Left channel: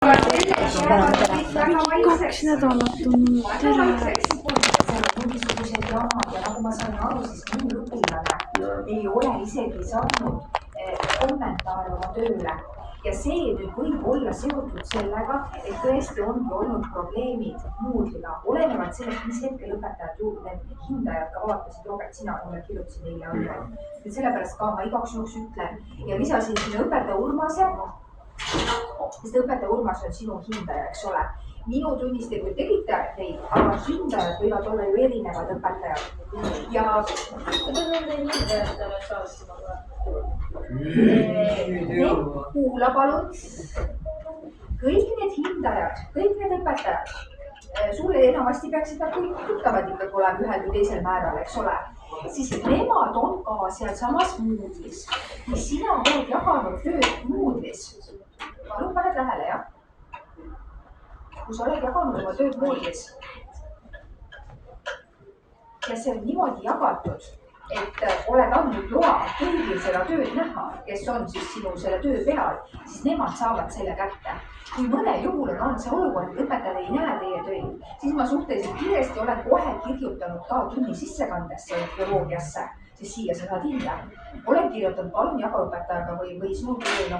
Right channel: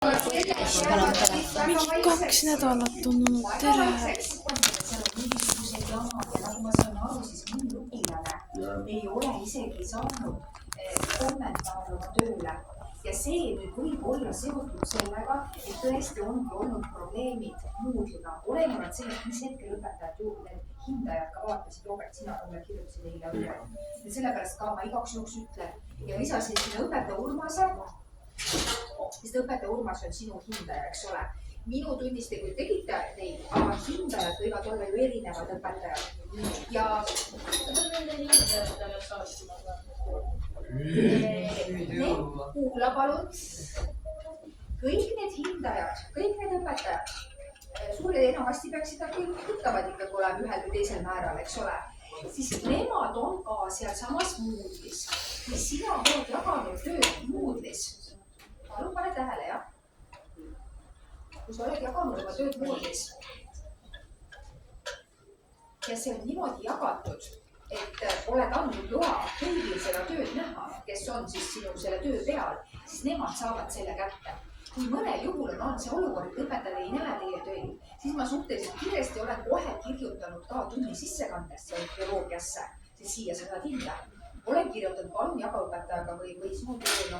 2 nädalat on olnud tere. mingisugused jamad ja nagu ma sain aru, siis mõni õpilane ei ole isegi saanud kommentaare oma tööle. Ja see nüüd võib olla seotud sellega, et tõesti ongi olnud probleemid Moodle'iga. Olenevalt sellest, mis hetkel õpetajad juurde, hindajad ka vaatasid, Robert, sina mulle kirjutasid eile andmed. Sellepärast ka ma igaks juhuks ütlen ja lisasin sinna õpetaja Urmase, sest õpetaja Urmas on sinu hindaja, eks ole. Minu tunnis te kui tegite teid, aga hindajad võivad olla ju erinevad õpetajad. Ja kuidas nende hindajatele saab? kuula palun. Kõik need hindajad, kõik need õpetajad, sulle enamasti peaksid nad kõik tuttavad ikkagi olema ühel või teisel määral, eks ole. Siis nemad on ka seal samas Moodle'is. Kui sina oled jaganud tööd Moodle'is, palun pane tähele, jah? Kui sa oled jaganud oma tööd Moodle'is ja see on niimoodi jagatud, et oled andnud loa kõigil seda tööd näha, kes on siis sinu selle töö peal, siis nemad saavad selle kätte. Kui mõnel juhul on see olukord, et õpetajad ei näe teie töid, siis ma suhteliselt kiiresti olen kohe kirjutanud ka tunni sissekandesse bioloogiasse, siis siia sa saad hinda. Olen kirjutanud, palun jaga õpetajaga või sinu töö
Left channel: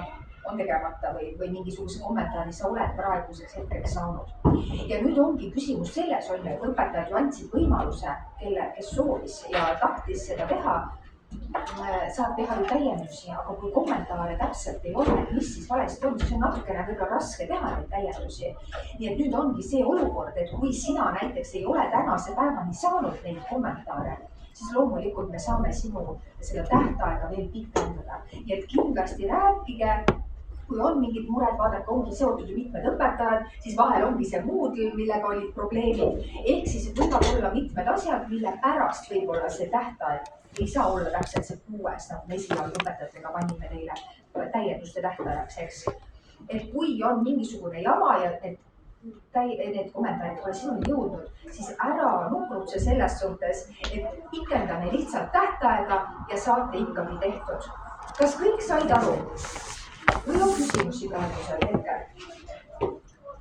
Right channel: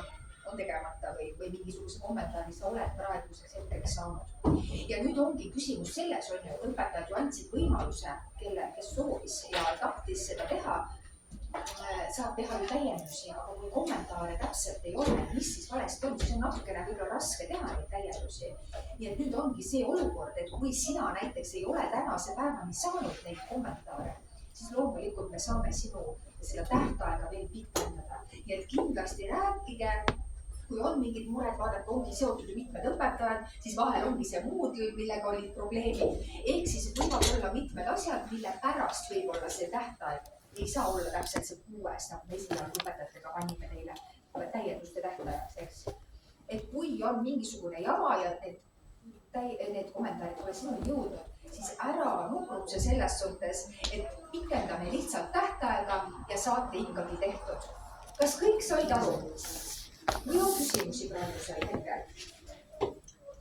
on tegemata või mingisuguse kommentaari sa oled praeguseks hetkeks saanud. Ja nüüd ongi küsimus selles, et õpetajad ju andsid võimaluse, kes soovis ja tahtis seda teha, saab teha ju täiendusi, aga kui kommentaare täpselt ei ole, mis siis valesti on, siis on natukene võib-olla raske teha neid täiendusi. Nii et nüüd ongi see olukord, et kui sina näiteks ei ole tänase päevani saanud neid kommentaare, siis loomulikult me saame sinu seda tähtaega veel pikendada. Nii et kindlasti rääkige, kui on mingid mured, vaadake, ongi seotud ju mitmed õpetajad, siis vahel ongi see Moodle, millega olid probleemid. Ehk siis võivad olla mitmed asjad, mille pärast võib-olla see tähtaeg ei saa olla täpselt see 6, nagu me esialgu õpetajatega panime teile täienduste tähtajaks, eks. Et kui on mingisugune jama ja need kommentaarid pole sinuni jõudnud, siis ära nukrutse selles suhtes, et pikendame lihtsalt tähtaega ja saate ikkagi tehtud. Kas kõik said aru? Või on küsimusi praegusel hetkel?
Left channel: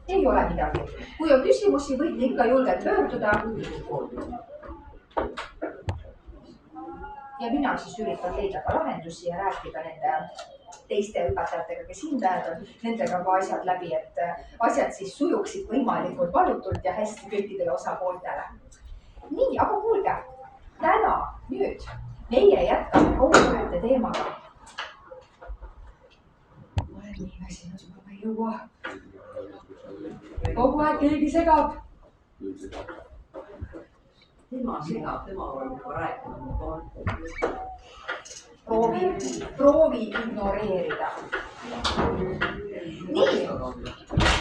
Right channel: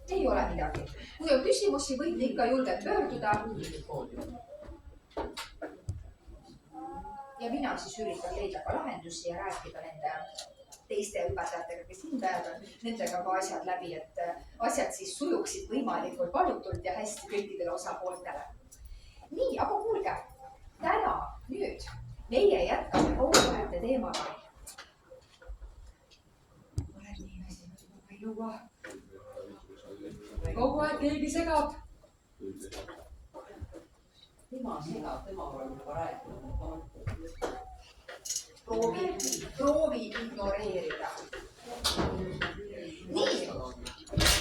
Ei ole midagi. Kui on küsimusi, võite ikka julgelt pöörduda. Ja mina siis üritan leida ka lahendusi ja rääkida nende teiste õpetajatega, kes hindajad on, nendega ka asjad läbi, et asjad siis sujuksid võimalikult valutult ja hästi kõikidele osapooltele. Nii, aga kuulge, täna nüüd meie jätkame koguhäälte teemaga. Nii väsinud juba ei jõua. Kogu aeg keegi segab. Tema segab, tema on juba rääkinud. Proovi ignoreerida. Nii.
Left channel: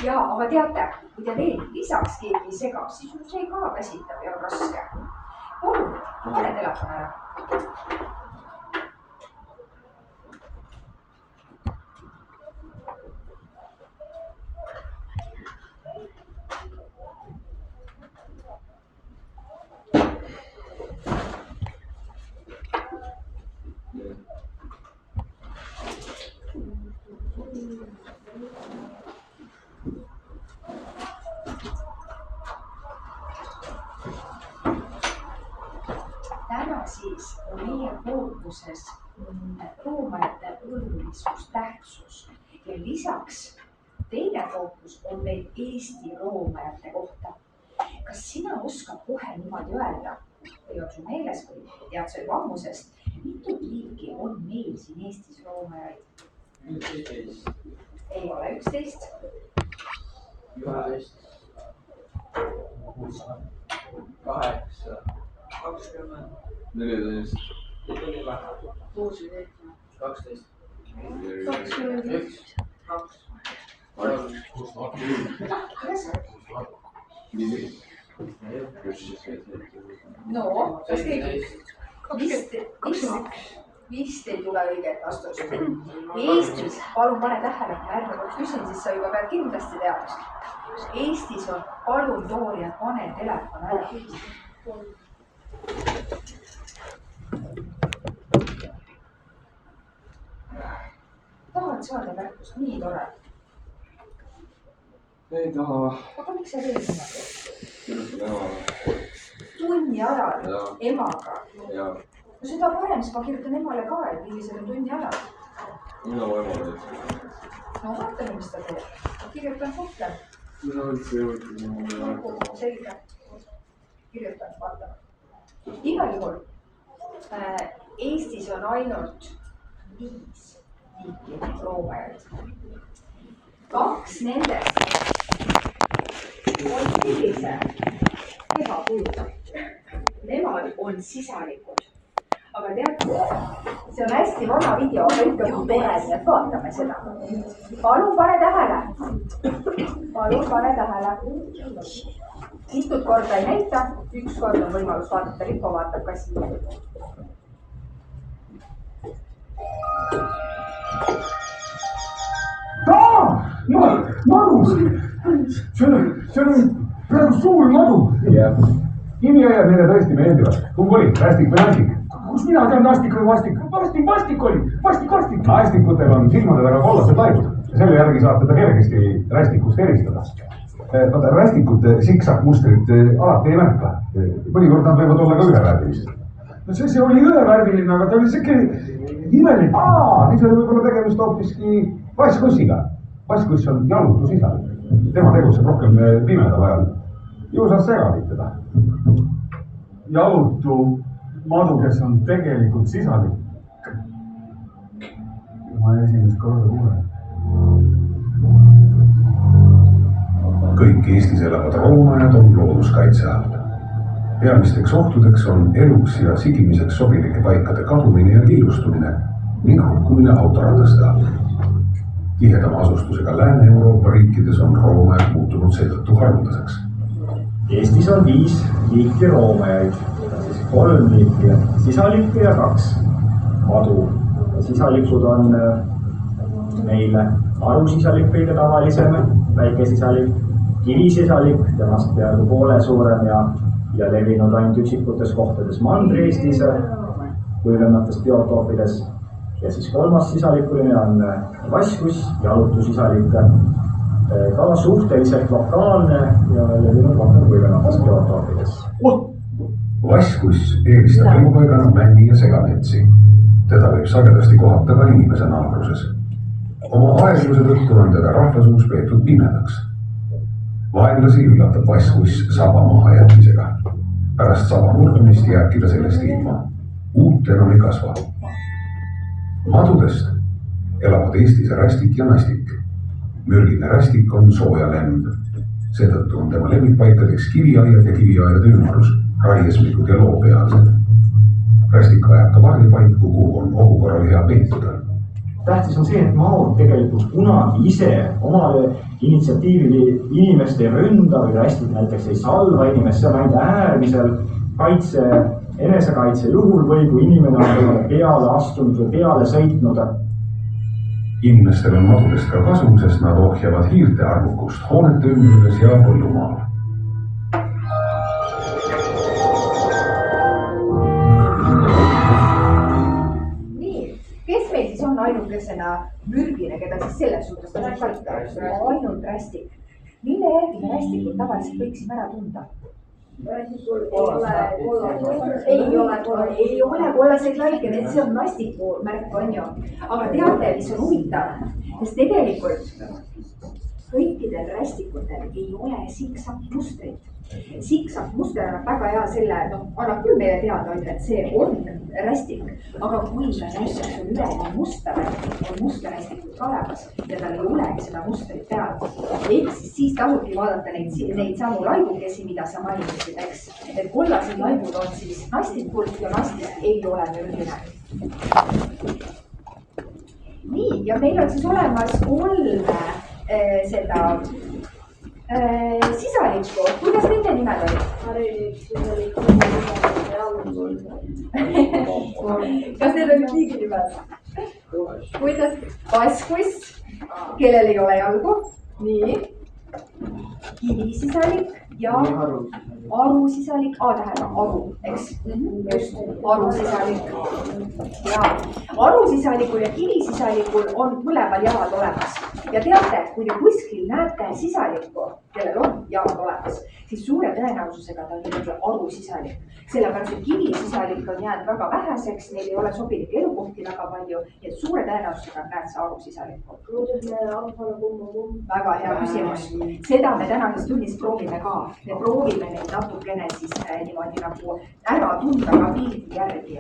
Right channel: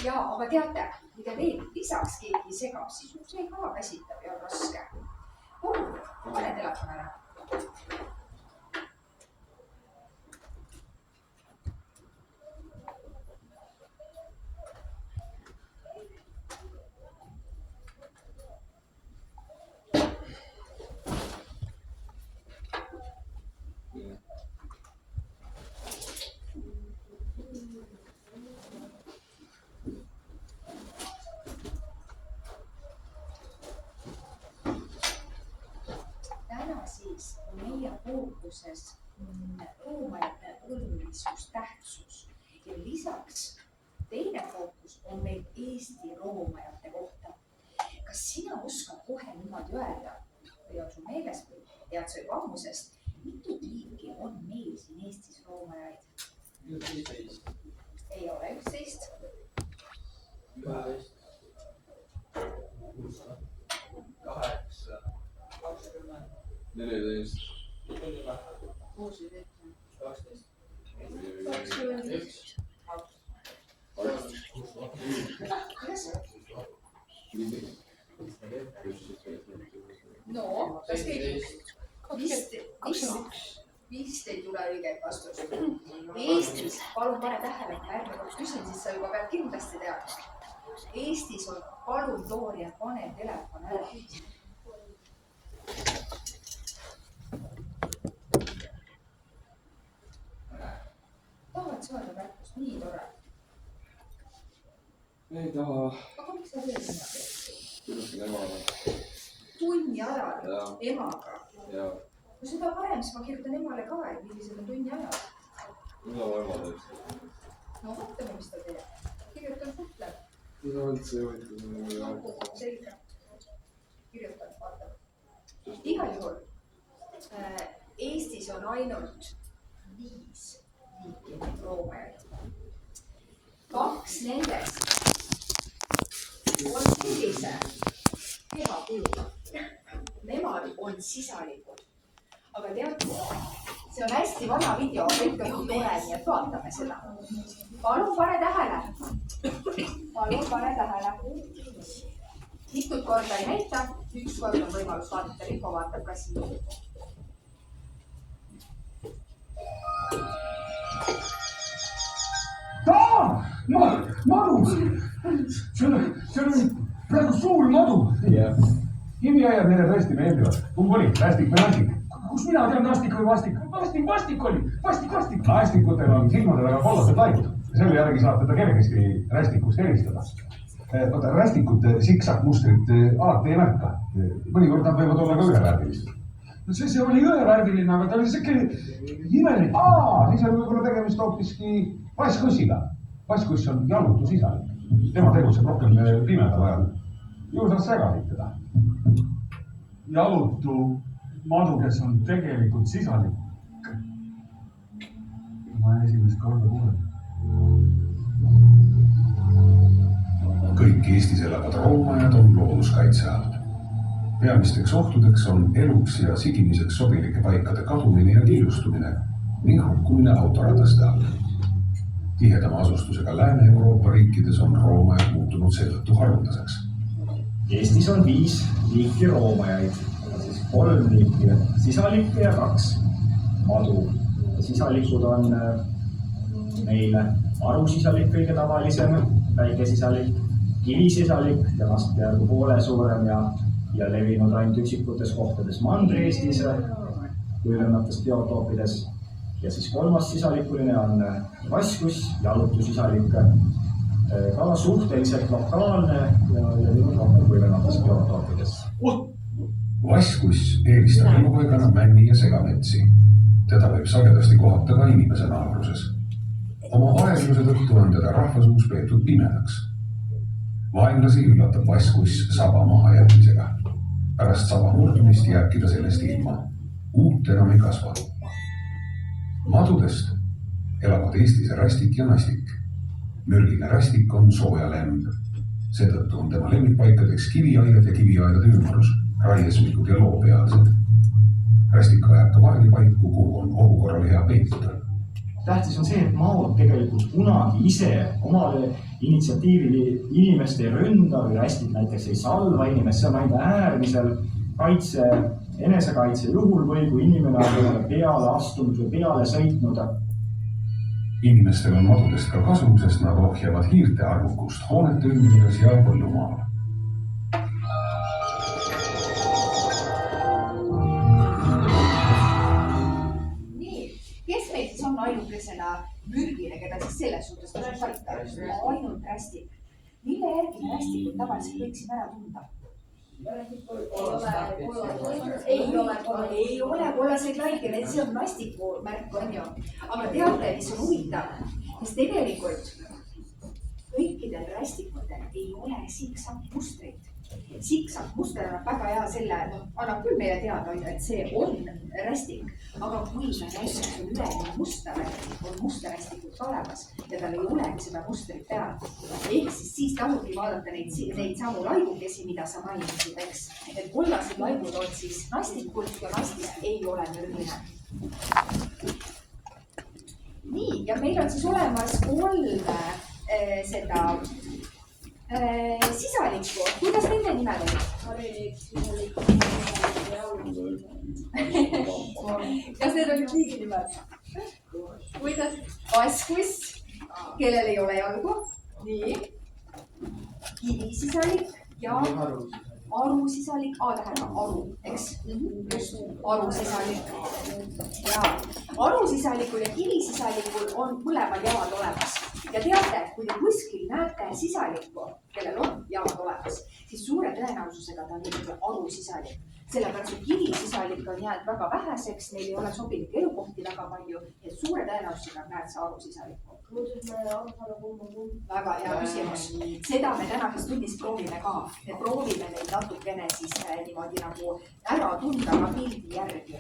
Ja, aga teate, kui te veel lisaks keegi segab, siis see ka väsitab ja on raske. Pane telefon ära. Täna siis on meie fookuses roomajate olulisus, tähtsus ja lisaks teine fookus on meil Eesti roomajate kohta. Kas sina oskad kohe niimoodi öelda või on sul meeles või tead sa juba ammusest, mitut liiki on meil siin Eestis roomajaid? 11. Ei ole 11. 11. 8. 20. 14. 6. 12. 21. 2. No, kas keegi? 15 ei tule õiget vastust. Eestis, palun pane tähele, ärge kui küsin, siis sa juba pead kindlasti teada. Eestis on palun Dooria, pane telefon ära. Tahad saada märkust, nii tore. Ei taha. Aga miks sa teed niimoodi? Kirjutan emale. Tunni ajal Ja. emaga. Ja. No seda parem, siis ma kirjutan emale ka, et millisel on tunni ajal. Mida mu ema teeb? No vaatame, mis ta teeb. Kirjutan suhtle. Mida üldse ei võtta? Selge. Kirjutan, vaatame. Igal juhul Eestis on ainult 5 liiki roomajaid. 2 nendest on sellise kehakujuna. Nemad on sisalikud. Aga teate, see on hästi vana video, aga ikka tore, nii et vaatame seda. Palun pane tähele. Palun pane tähele. Mitut korda ei näita, 1 kord on võimalus vaadata, Ripo vaatab ka siia. Madu! See on praegu suur madu. Nimiajad neile tõesti meeldivad. Kumb oli? Rästik või nastik? Kus mina tean nastik või vastik? Vastik oli! Vastik! Nastikutel on silmade taga kollased laibud. Selle järgi saab teda kergesti rästikust eristada. Vaata, rästikute siksakmustrit alati ei märka. Mõnikord nad võivad olla ka ühevärvilised. No see oli ühevärviline, aga ta oli siuke imelik. Siis oli võib-olla tegemist hoopiski vasskussiga. Vasskuss on jalutusisalik. Tema tegutseb rohkem pimedal ajal. Ju saad segasid teda. Jalutu madu, kes on tegelikult sisalik. Ma esimest korda kuulen. Kõik Eestis elavad roomajad on looduskaitse all. Peamisteks ohtudeks on eluks ja sigimiseks sobilike paikade kadumine ja killustumine ning hukkumine autorataste all. Tihedama asustusega Lääne-Euroopa riikides on roomajad muutunud seetõttu haruldaseks. Eestis on 5 liiki roomajaid, siis 3 liiki sisalikke ja 2 madu. Sisalikud on meil arusisalik kõige tavalisem, väikesisalik, kivisisalik, temast peaaegu poole suurem ja levinud ainult üksikutes kohtades Mandri-Eestis, kuivemates biotoopides. Ja siis 3. sisalikuline on vasskuss, jalutusisalik, ka suhteliselt lokaalne ja levinud rohkem kuivemates biotoopides. Vasskuss eelistab elupaigana männi ja segametsi. Teda võib sagedasti kohata ka inimese naabruses. Oma aegluse tõttu on teda rahvasuus peetud pimedaks. Vaenlasi üllatab vasskuss saba maha jätmisega. Pärast saba murdumist jääbki ta sellest ilma. Uut enam ei kasva. Madudest elavad Eestis rästik ja nastik. Mürgine rästik on sooja lemb. Seetõttu on tema lemmikpaikadeks kiviaiad ja kiviaiade ümmarus, raiesmikud ja loopealsed. Rästik ajab ka varjupaiku, kuhu on ohu korral hea peituda. Tähtis on see, et maod tegelikult kunagi ise omale initsiatiivili inimest ei ründa või rästik näiteks ei salva inimest, see on ainult äärmisel enesekaitse juhul või kui inimene on temale peale astunud või peale sõitnud. Inimestel on madudest ka kasu, sest nad ohjavad hiirte arvukust hoonete ümbruses ja põllumaal. Nii, kes meil siis on ainukesena mürgine, keda siis selles suhtes tasub paika? Ainult rästik. Mille järgi me rästikut tavaliselt võiksime ära tunda? Ei ole kollaseid laike, see on nastiku märk, on ju. Aga teate, mis on huvitav, sest tegelikult kõikidel rästikutel ei ole siksakmustrit. Siksakmuster annab väga hea selle, annab küll meile teada, et see on rästik, aga kui näiteks on üleni musta rästik, on musta rästikut ka olemas ja tal ei olegi seda mustrit peal. Ehk siis tasubki vaadata neid samu laibukesi, mida sa mainisid, eks. Et kollased laibud on siis nastikul ja nastik ei ole mürgine. Nii, ja meil on siis olemas 3 seda sisalikku. Kuidas nende nimed olid? Harilik, sisalik, Kas need olid liigi nimed? Kuidas? Vasskuss, kellel ei ole jalgu. Nii. Kivisisalik ja arusisalik. Tähendab aru, eks? Just, arusisalik. Ja arusisalikul ja kivisisalikul on mõlemal jalad olemas. Ja teate, kui te kuskil näete sisalikku, kellel on jalad olemas, siis suure tõenäosusega ta on ikkagi arusisalik. Sellepärast, et kivisisalik on jäänud väga väheseks, neil ei ole sobilikke elukohti väga palju, ja suure tõenäosusega näed sa arusisalikku. Väga hea küsimus. Seda me tänases tunnis proovime ka. Me proovime neid natukene siis niimoodi nagu ära tunda ka pildi järgi.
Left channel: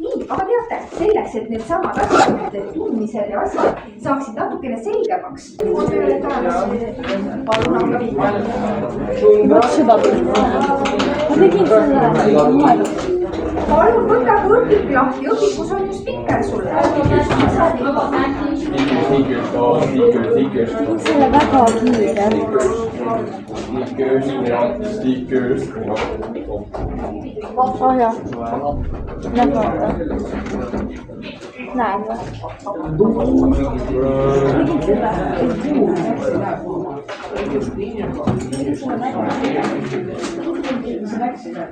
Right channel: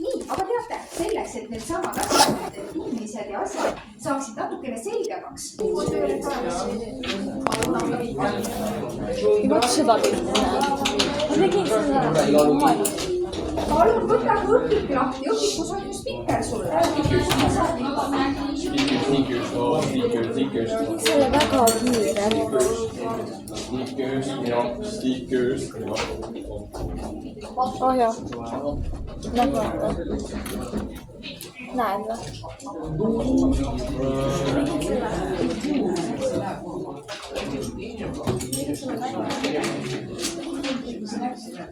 Nii, aga teate, selleks, et need samad asjad, need tundmised ja asjad saaksid natukene selgemaks. Vot seda pilti näen. Ma tegin selle moel. Palun võta kui õpik lahti, õpikus on ju spikker sulle. Selle väga kiire. Stickers. Oh jah. Näed vaata. Näed või? Tegin selle.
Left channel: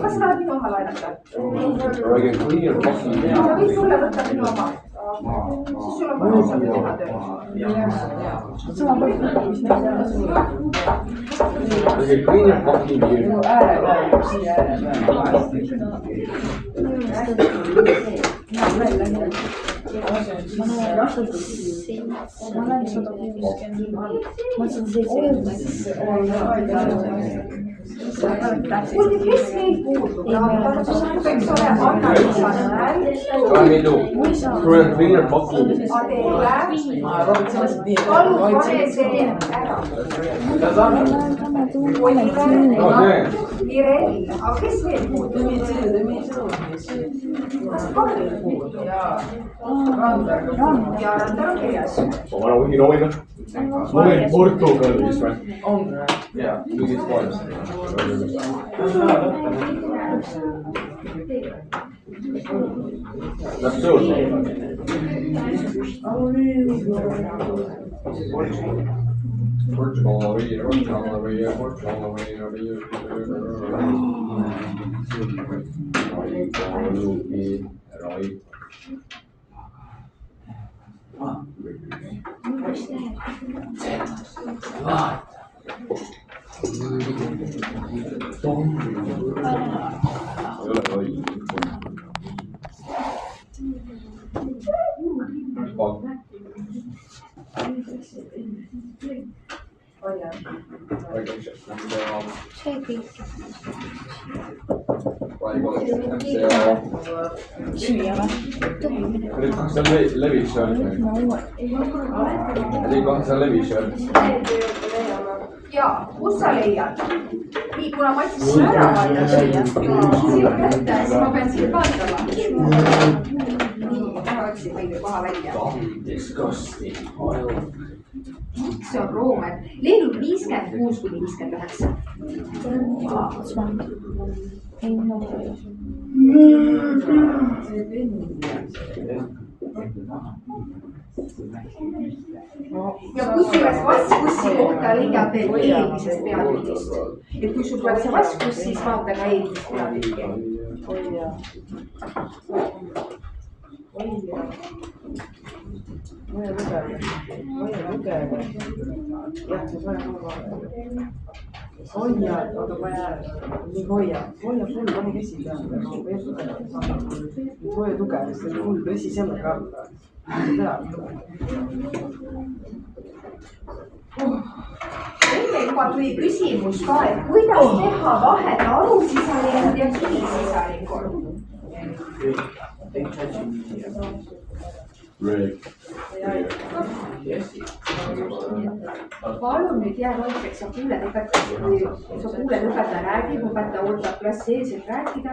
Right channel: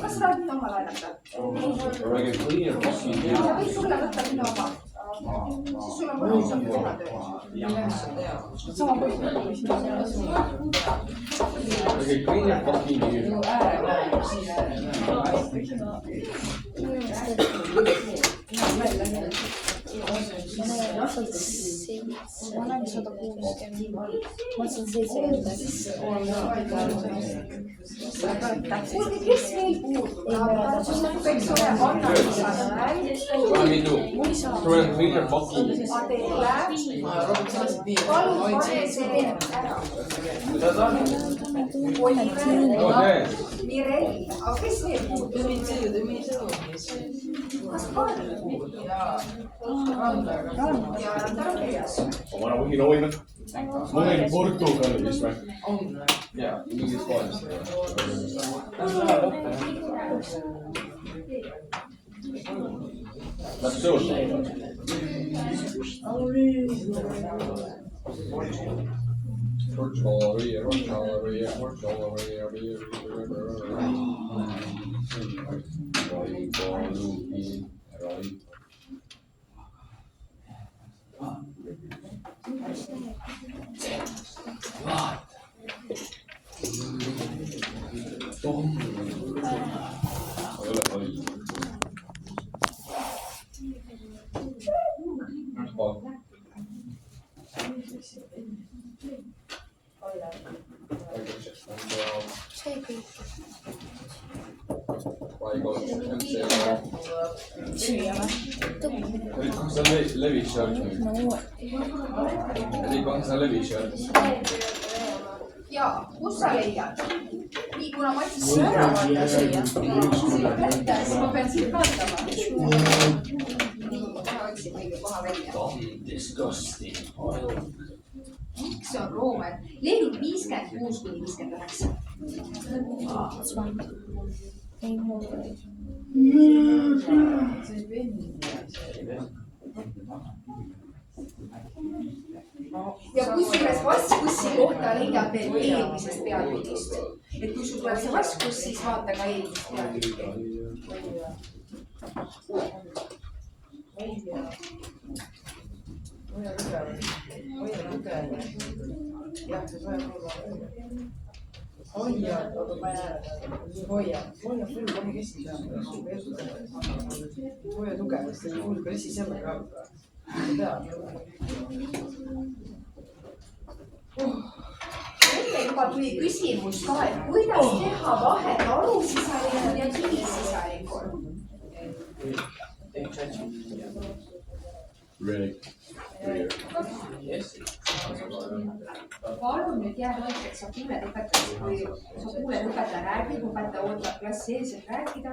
Kas sa tahad minu oma laenata? Sa võid sulle võtta minu oma. Siis sul on mõnusam teha tööd. Kuulge, kes meil puudub? Eks ole, palun pane see ära. Mirel, aga kes veel puudub? Kas Karl puudub? Ja Randar on kirjas. Portugalist või? On. Jaa, mingit vaadast. Läks suur. Jaa, kus sa leiad? Nii, kuna ma siis sulle ära vaida sinu kätte, siis ma pean sind vaatama. Nii, ma otsin kõige koha välja. See on Roomet. Lehel 56 kuni 59. Ja kusjuures vaskbussi kohta leiab veel eelmisest peatükist. Et kui sul tuleb see vaskbuss, siis vaata ka eelmisest peatükki. Hoia, oota vaja, nii hoia full, pane käsi peale, hoia tugevasti, full pressi selle ka. Enne juba tuli küsimus ka, et kuidas teha vahet arusisalikul ja kivisisalikul. Palun nüüd jää vaikseks, sa kuuled õpetaja räägib, õpetaja ootab klassi ees, et rääkida.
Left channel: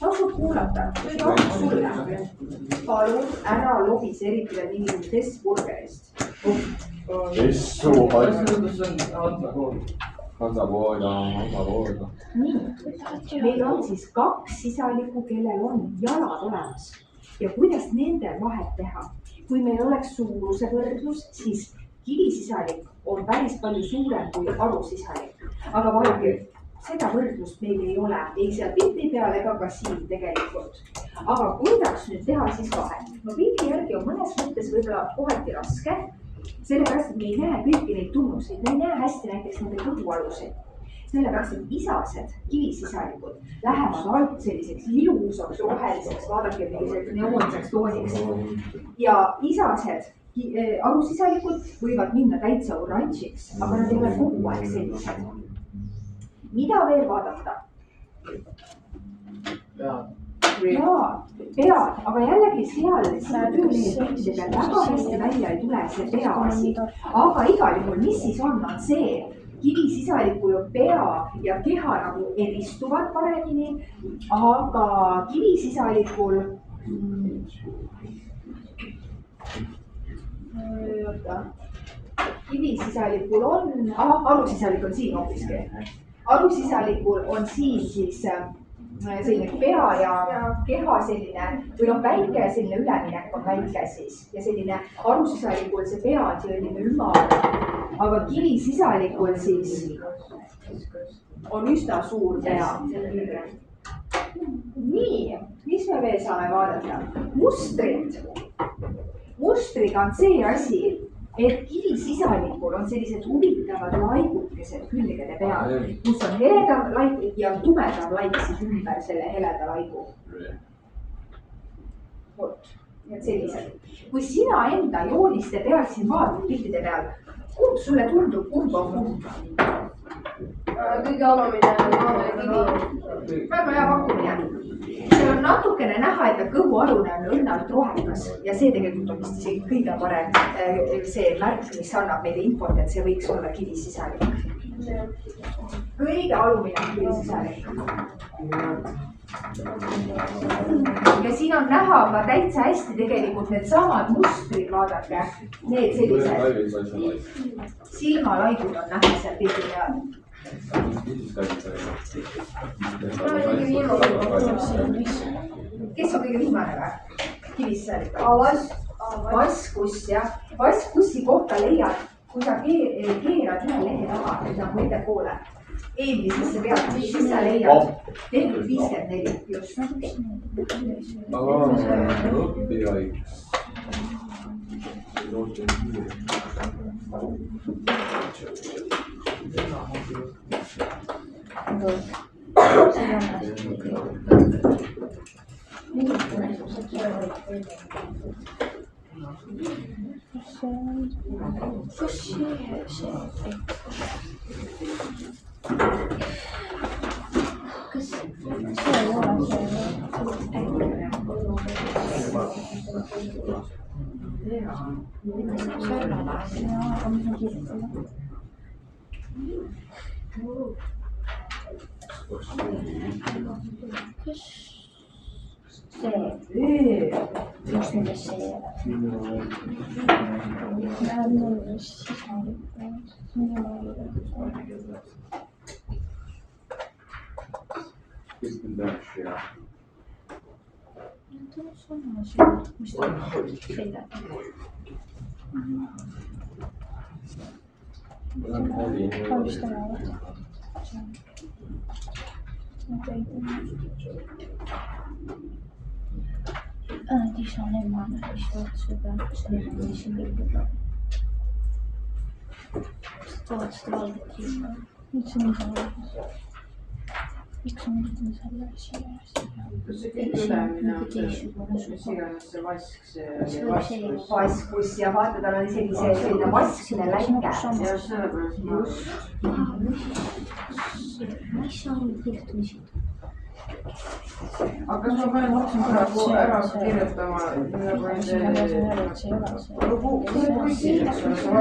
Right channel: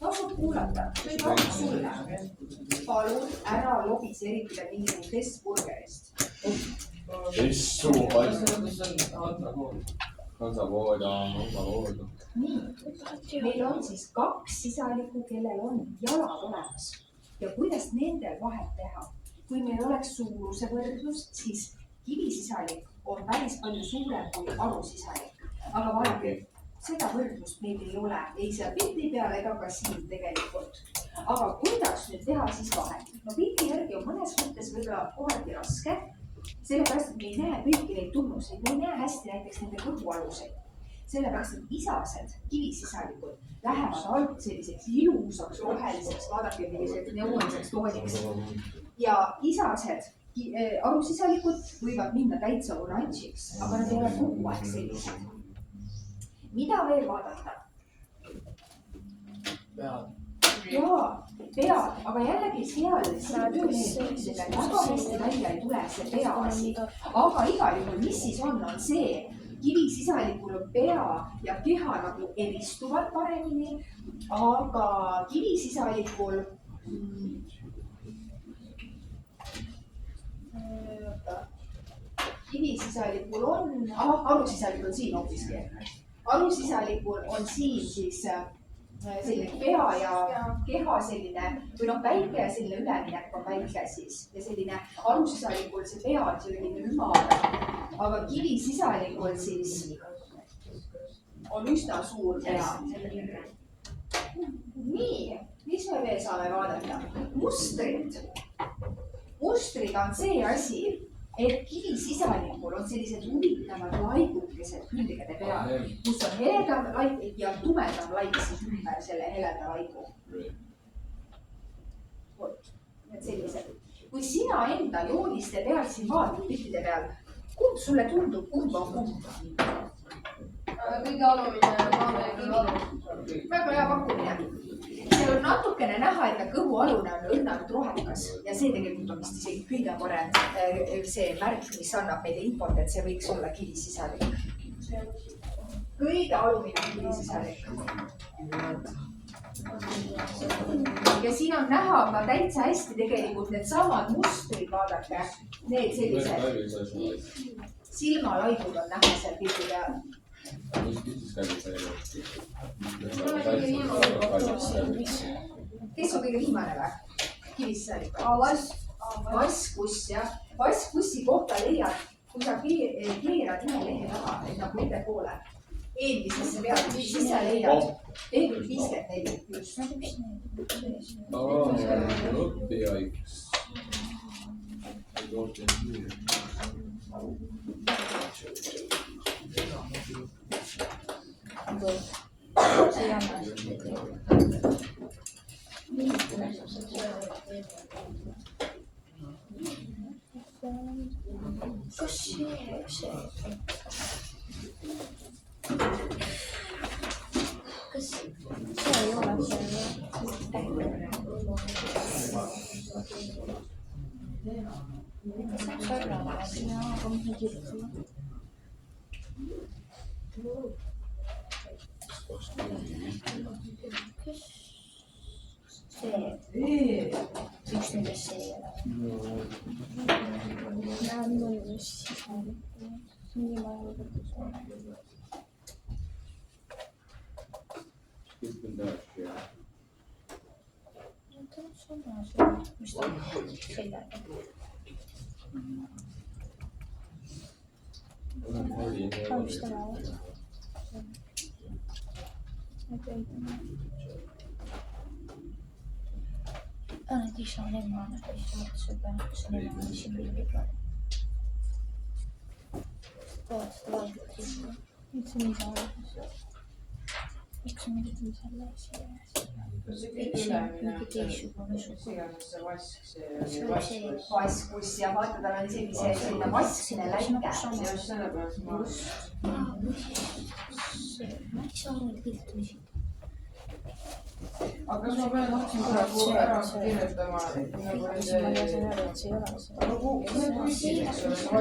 Tasub kuulata, nüüd on sulle. Palun ära lobis eriti veel mingisugust testburgerist. Nii, meil on siis 2 sisalikku, kellel on jalad olemas. Ja kuidas nende vahet teha? Kui meil oleks suuruse võrdlus, siis kivisisalik kivisisalik on päris palju suurem kui arusisalik. aga vaadake, seda võrdlust meil ei ole, ei seal pildi peal ega ka siin tegelikult. aga kuidas nüüd teha siis vahet? no pildi järgi on mõnes mõttes võib-olla kohati raske, sellepärast, et me ei näe kõiki neid tunnuseid, me ei näe hästi näiteks nende kõhualuseid. sellepärast, et isased kivisisalikud lähevad alt selliseks ilusaks roheliseks, vaadake milliseks neoonseks tooniks. ja isased arusisalikud võivad minna täitsa oranžiks, aga nad ei ole kogu aeg sellised. mida veel vaadata? jaa, pead, aga jällegi seal seda töölehe peal väga hästi välja ei tule see pea asi. aga igal juhul, mis siis on see, kivisisalikul on pea ja keha nagu eristuvad paremini, aga kivisisalikul kivisisalikul on, arusisalik on siin hoopiski. arusisalikul on siin siis selline pea ja keha selline või noh, väike selline üleminek on väike siis ja selline arusisalikul see pea on selline ümar, aga kivisisalikul siis on üsna suur pea. nii, mis me veel saame vaadata? mustrid. mustriga on see asi, et kivisisalikul on sellised huvitavad laigukesed külgede peal, kus on heledam laik ja tumedam laik siis ümber selle heleda laigu. vot, need sellised. kui sina enda jooniste peal siin vaatad piltide peal, kumb sulle tundub, kumb on kumb? kõige alumine on kivi. väga hea pakkumine. seal on natukene näha, et kõhualune on õnnalt rohekas ja see tegelikult on vist isegi kõige parem see märk, mis annab meile infot, et see võiks olla kivisisalik. kõige alumine on kivisisalik. ja siin on näha ka täitsa hästi tegelikult needsamad mustrid, vaadake, need sellised silmalaigud on näha seal pildi peal. kes on kõige viimane või? kivisisalik. vaskus jah, vaskussi kohta leiad, kui sa keerad ühe lehe taha, nagu ettepoole, eelmisesse peale, siis sa leiad tehtud 54 just. Miks on midagi selle siia? See kõik ülemine on see, mis iganes see vask, see vaskus ja vaata, tal on isegi see selline vaskne läike. ja sellepärast ma Miks sa oled kirjutamisi? aga kas ma pean praegu ära kirjutama nagu ma panen M-i, siis ma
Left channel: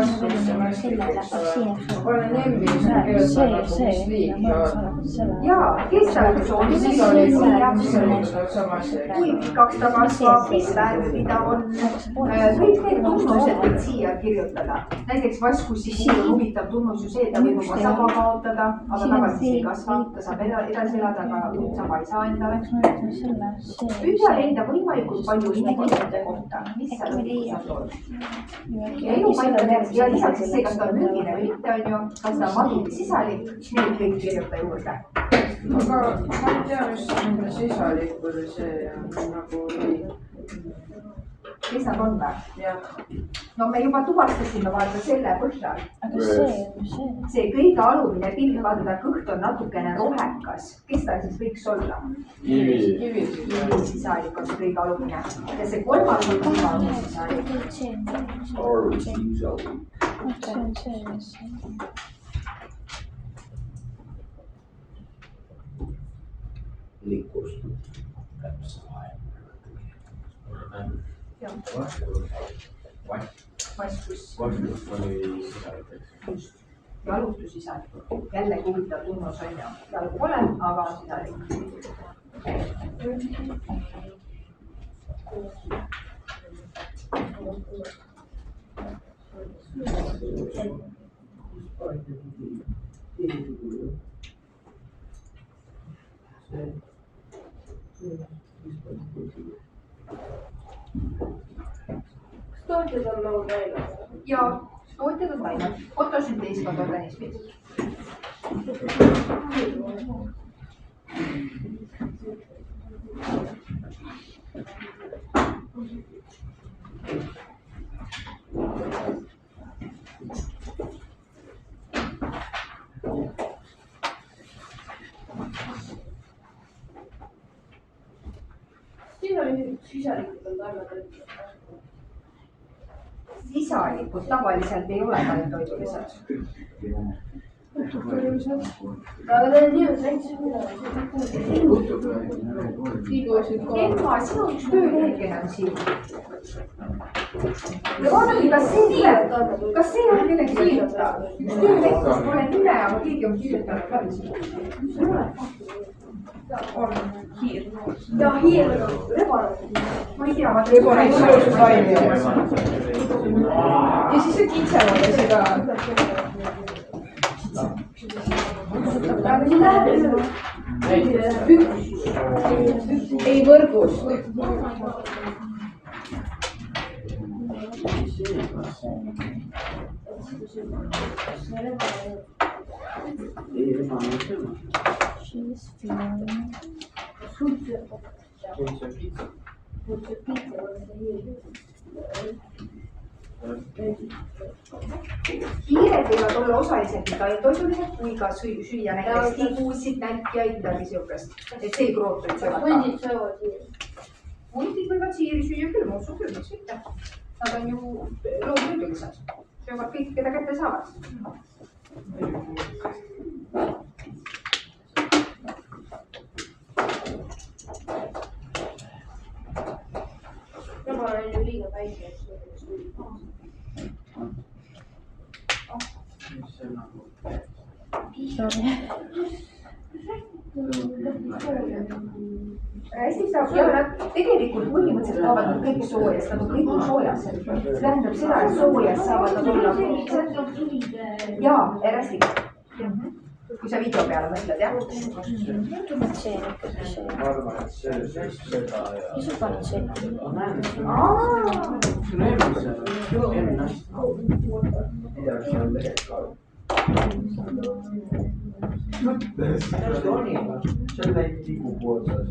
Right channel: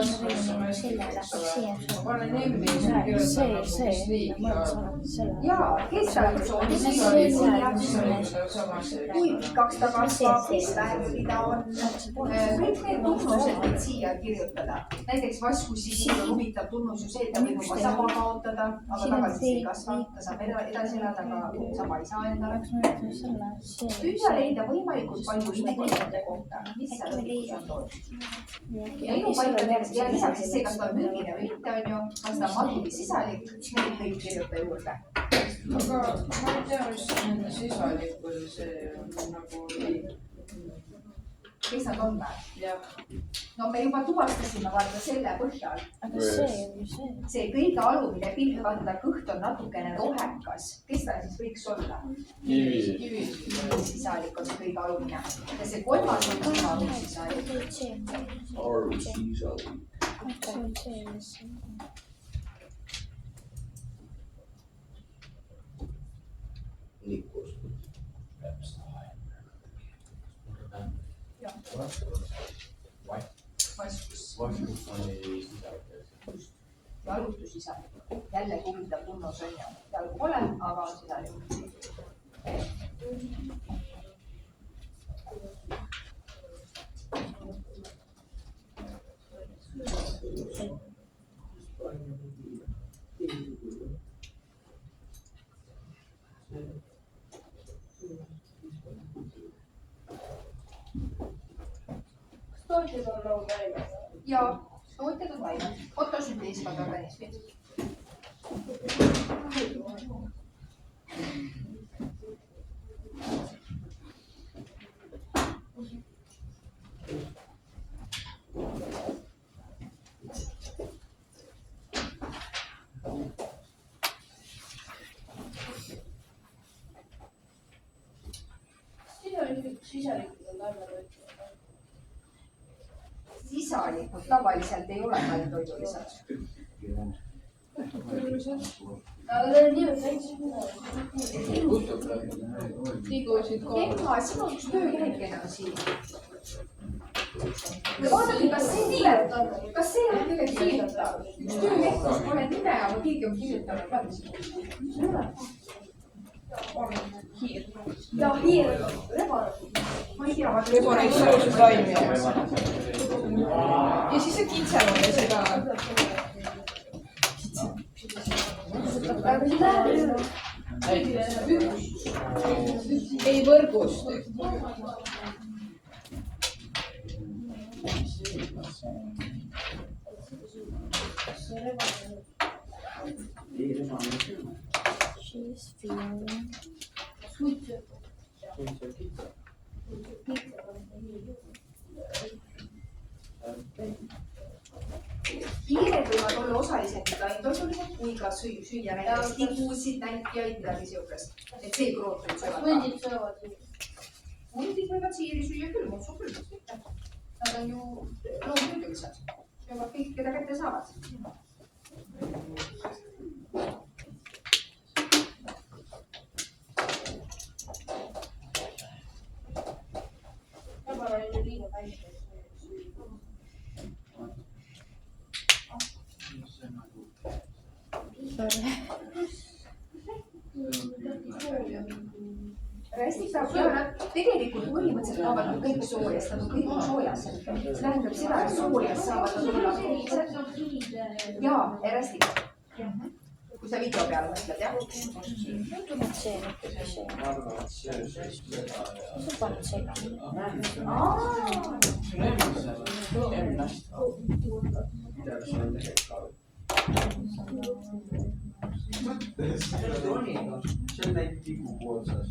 kirjutan nagu mis liik jaa, kestalgus on kui pikaks ta kasvab, mis värvi ta on. kõik need tunnused võid siia kirjutada. näiteks vaskussi puhul on huvitav tunnus ju see, et ta võib oma saba kaotada, aga tagasi ei kasva, ta saab edasi elada, aga saba ei saa endale. püüa leida võimalikult palju infot nende kohta, mis seal lõpuks on toodud. Ja elupaikadeks ja lisaks siis see, kas ta on mürgine või mitte, on ju, kas ta on madu või sisalik, need kõik kirjuta juurde. Aga ma ei tea, mis nende sisalikkude see on nagu nii. Kes nad on või? Jah. No me juba tuvastasime vaata selle põhjal. Aga see. See kõige alumine pilk, vaata ta kõht on natukene rohekas. Kes ta siis võiks olla? Kivi. Sisalik on see kõige alumine. Ja see kolmas on kõige alumine sisalik. Liikkus. Vastus. Vastus oli sisalik, eks. Just. Jalutussisalik. Jällegi huvitav tunnus on ju. Jalgu pole, aga on sisalik. Tootjad on nagu läinud. Ja tootjad on läinud. Fotosünteesivad organismid. Siin oli sisalikud on taimetoitjad. Sisalikud tavaliselt ei ole taimetoitulised. Aga need on nii väiksed midagi. Emma, sinu üks töölehekene on siin. Ja vaadake, kas see on millegi kirjutada? Üks tööleht, kus pole nime, aga keegi on kirjutanud ka. On hiir. Ja hiir on rebane. Ma ei tea, ma rebane ilusust taimi. Ja siis see kitsevad ja seda. Aga siin läheb ei võrgust. Hiired võivad olla osaliselt nii taimetoitulised kui ka süüa näiteks tigusid, nälkjaid, midagi siukest. Et see krootrid söövad ka. Hundid söövad hiiri. Hundid võivad siiri süüa küll, ma usun küll, miks mitte. Nad on ju loomüürgilised. Söövad kõik, keda kätte saavad. Rebane on ju liiga väike. Hästi saab ja nad tegelikult põhimõtteliselt saavad nad kõik soojast, nad on kõik soojas. See tähendab seda, et soojast saavad nad olla ja hästi. Kui sa video peale mõtled, jah? Ma arvan, et see seda ja... Midagi seal tegelikult. See on näit tigu pootsas.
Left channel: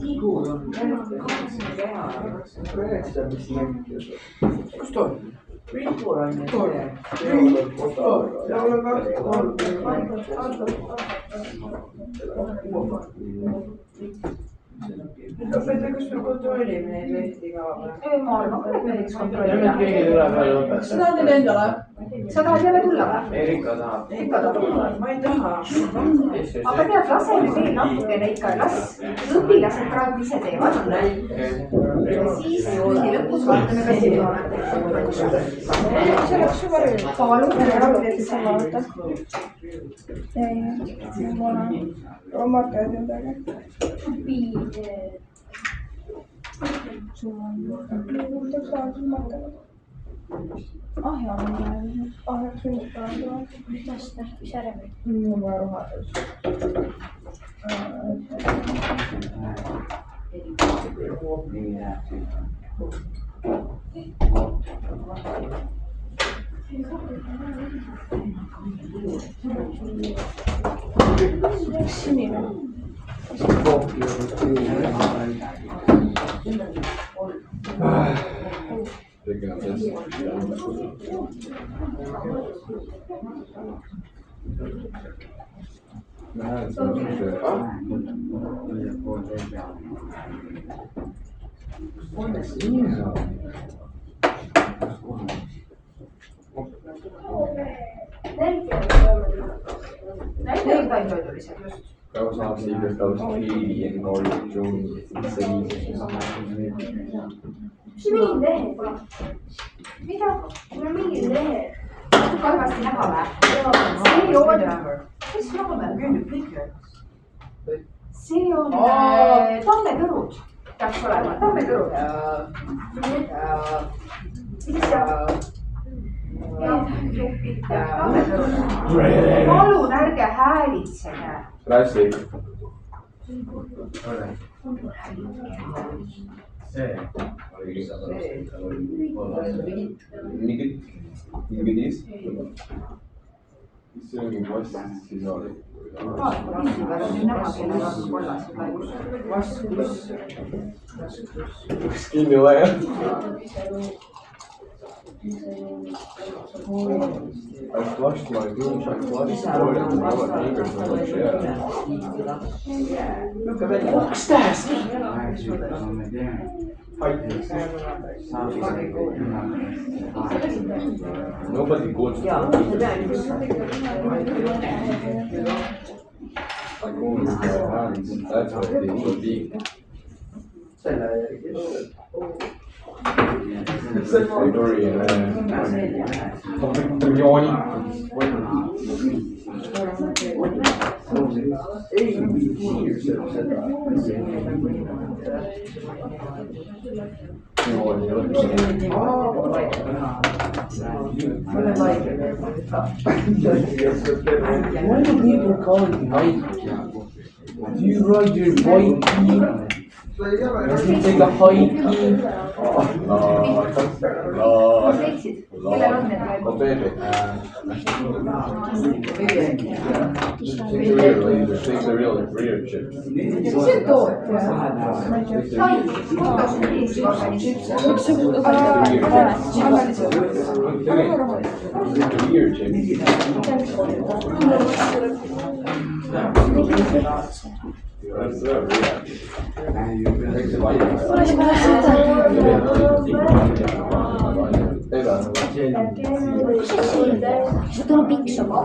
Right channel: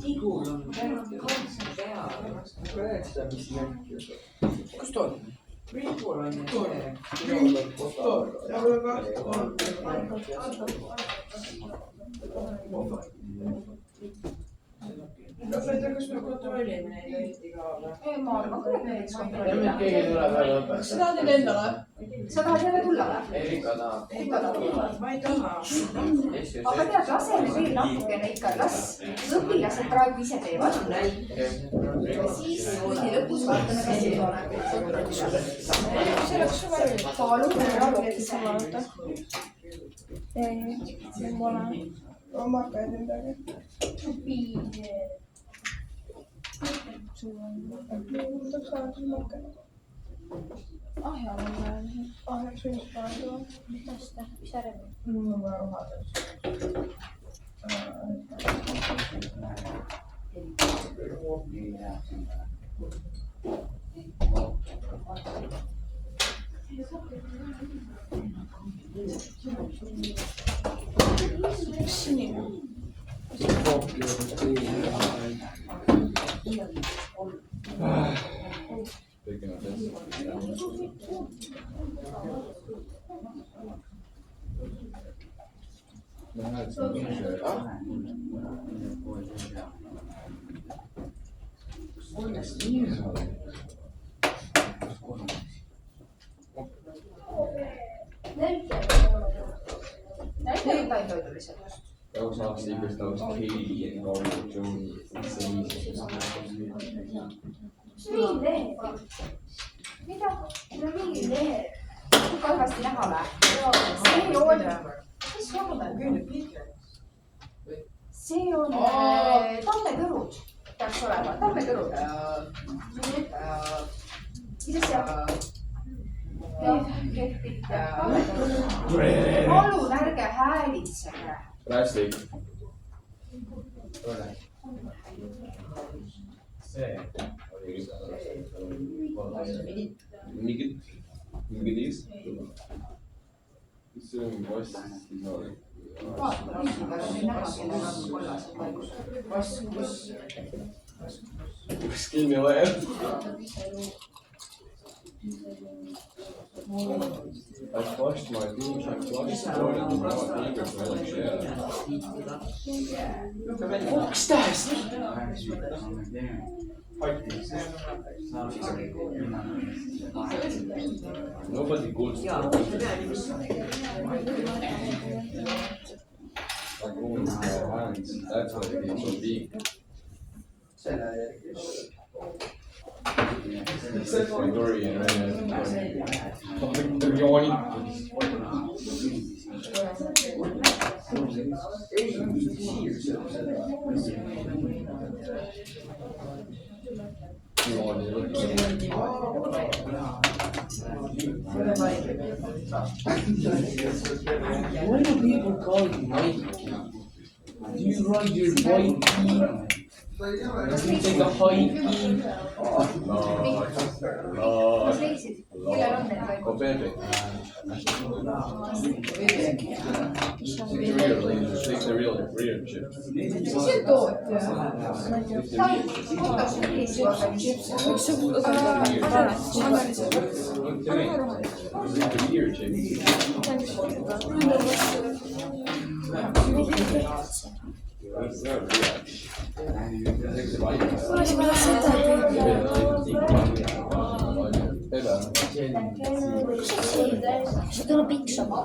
Tigul on keha, üheksa, mis mängib. Kus ta on? Tigul on see. Kas me kontrollime neid lehti ka või? Ma arvan, et me võiks kontrollida. Sa tahad neid endale? Sa tahad jälle tulla või? Erika tahab. Ikka tahab tulla. Ma ei taha. Aga tead, lase nüüd veel natukene ikka, las õpilased praegu ise teevad. Ja siis kõigi lõpus vaatame, kas see on. See oleks juba rõõm. Palun, Omad käed ümber. Ahja on praegu. Ahjaks võiks praegu. Kuidas ta, mis järele? Mul on vaja vahetus. Sinine. Picking up this. Nah, it's not too shit. näitlejaid tuli seal just. Väga saaks liiga, ta oleks Katie ja Nori ja Johnny. See viis. Mis mingid lehed? mida? Mul on mingid lehed. halvasti näha või? See on. mis joone? see on tammetõrud. peaks olema tammetõrud. mis asja? palun ärge häälitsege. Rästik. Mingid see on mingi vass, siis on. Üks kinni ole jah. I flushed my douche, I flushed the toilet, and now my fingers smell like shit. Fuck's that? Nobody goes to I go with my hands, that's what it should be. Victory and why do people call it Nike? Do you ride your bike? Does he take a hike? mis leidsid? kellel on need Oh, laibud? baby. Take the real chips. mis see tootja? fotos millise organisatsiooni? Take the weird chips. That's not real. Take the vitamins. Kas see tuleb piksama?